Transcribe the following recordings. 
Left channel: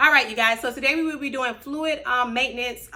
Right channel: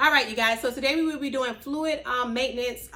All right, you guys, so today we will be doing fluid maintenance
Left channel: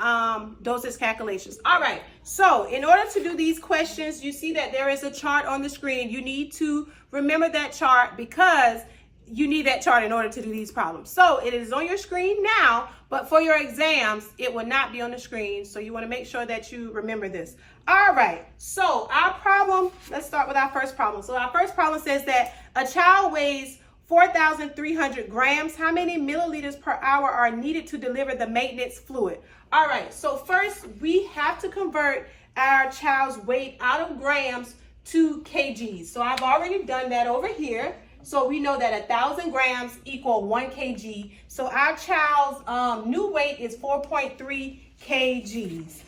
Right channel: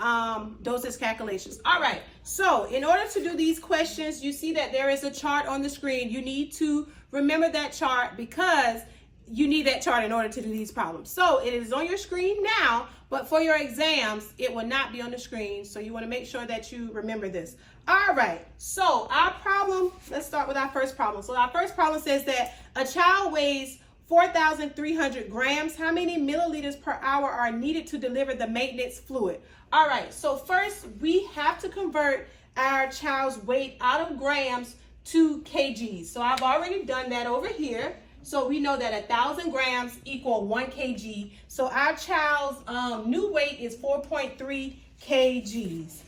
dosage calculations. All right, so in order to do these questions, you see that there is a chart on the screen. You need to remember that chart because you need that chart in order to do these problems. So it is on your screen now, but for your exams, it will not be on the screen. So you want to make sure that you remember this. All right, so our problem, let's start with our first problem. So our first problem says that a child weighs 4,300 grams. How many milliliters per hour are needed to deliver the maintenance fluid? All right, so first we have to convert our child's weight out of grams to kgs. So I've already done that over here. So we know that 1,000 grams equal 1 kg. So our child's new weight is 4.3 kgs.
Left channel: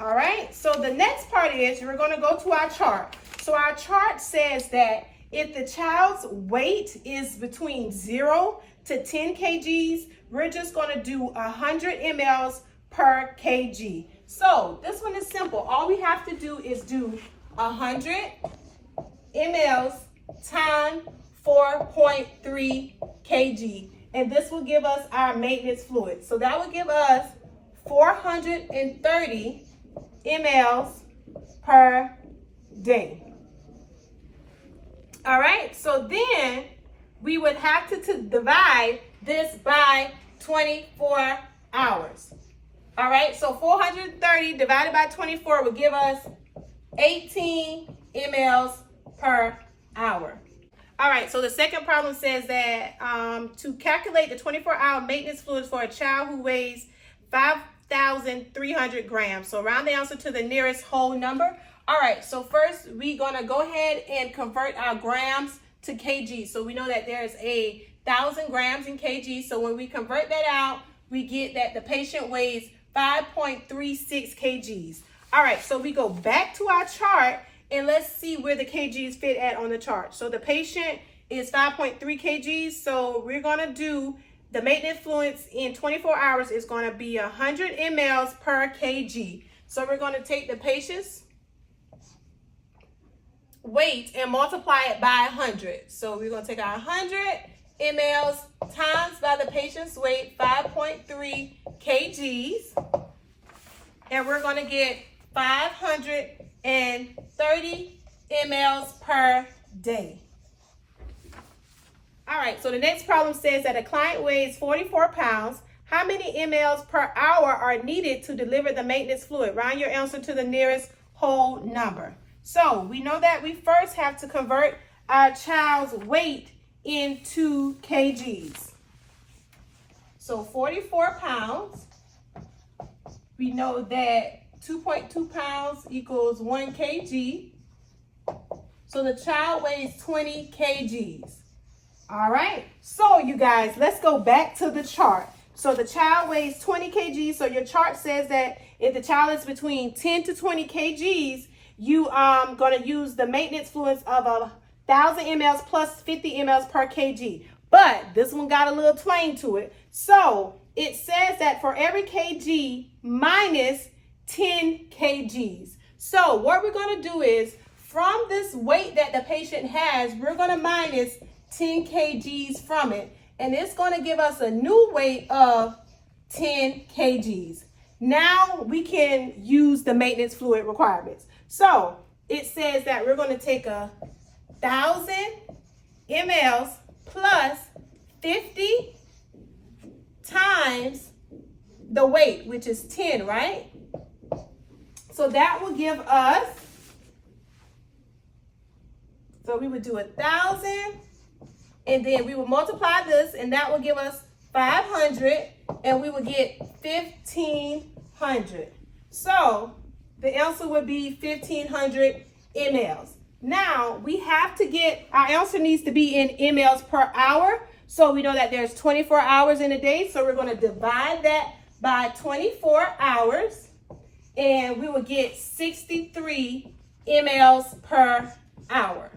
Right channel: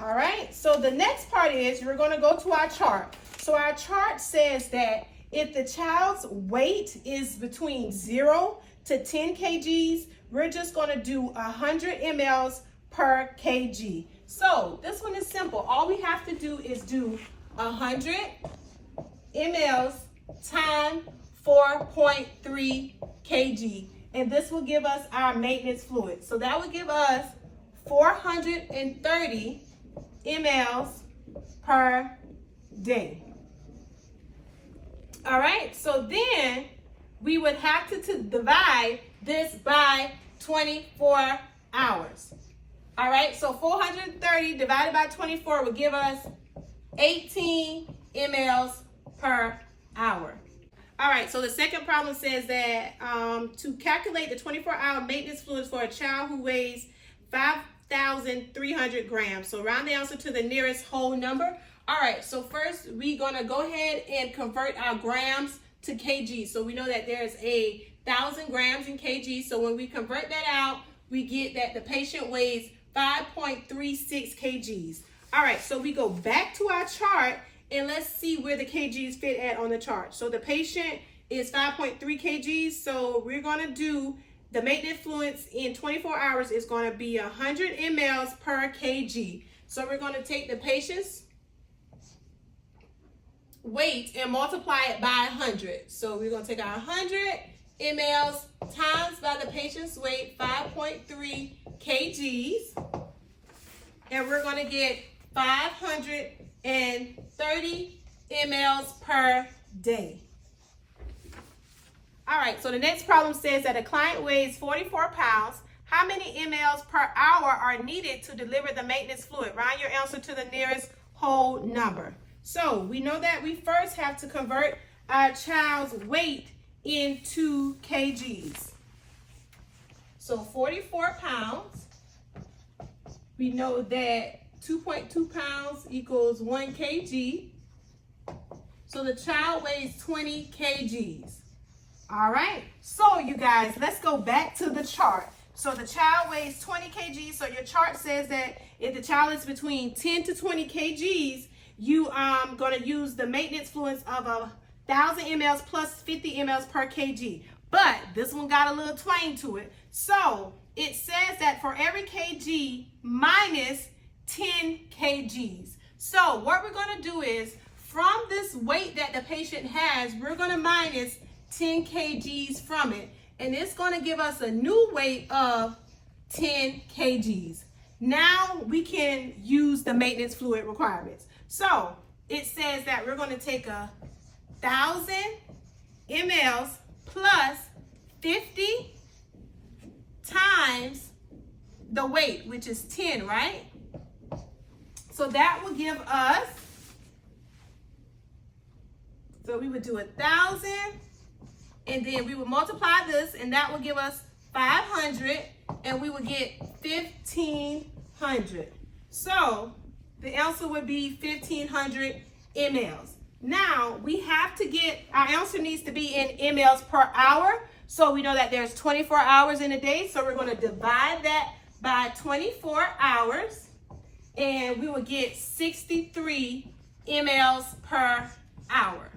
All right, so the next part is we're going to go to our chart. So our chart says that if the child's weight is between 0 to 10 kgs, we're just going to do 100 mLs per kg. So this one is simple. All we have to do is do 100 mLs times 4.3 kg, and this will give us our maintenance fluid. So that will give us 430 mLs per day. All right, so then we would have to divide this by 24 hours. All right, so 430 divided by 24 would give us 18 mLs per hour. All right, so the second problem says that to calculate the 24-hour maintenance fluids for a child who weighs 5,300 grams. So round the answer to the nearest whole number. All right, so first we're gonna go ahead and convert our grams to kg. So we know that there's 1,000 grams in kg. So when we convert that out, we get that the patient weighs 5.36 kgs. All right, so we go back to our chart and let's see where the kgs fit at on the chart. So the patient is 5.3 kgs. So we're gonna do the maintenance fluids in 24 hours is gonna be 100 mLs per kg. So we're gonna take the patient's weight and multiply it by 100. So we're going to take our 100 mLs times by the patient's weight, 5.3 kgs, and we're going to get 530 mLs per day. All right, so the next problem says that a client weighs 44 pounds. How many mLs per hour are needed to deliver the maintenance fluid? Round your answer to the nearest whole number. So we know that we first have to convert our child's weight into kgs. So 44 pounds, we know that 2.2 pounds equals 1 kg. So the child weighs 20 kgs. All right, so you guys, let's go back to the chart. So the child weighs 20 kgs. So your chart says that if the child is between 10 to 20 kgs, you gonna use the maintenance fluids of 1,000 mLs plus 50 mLs per kg. But this one got a little twang to it. So it says that for every kg minus 10 kgs. So what we're gonna do is from this weight that the patient has, we're gonna minus 10 kgs from it. And it's gonna give us a new weight of 10 kgs. Now we can use the maintenance fluid requirements. So it says that we're going to take 1,000 mLs plus 50 times the weight, which is 10, right? So that will give us, so we would do 1,000 and then we will multiply this and that will give us 500 and we would get 1,500. So the answer would be 1,500 mLs. Now we have to get, our answer needs to be in mLs per hour. So we know that there's 24 hours in a day. So we're going to divide that by 24 hours and we will get 63 mLs per hour.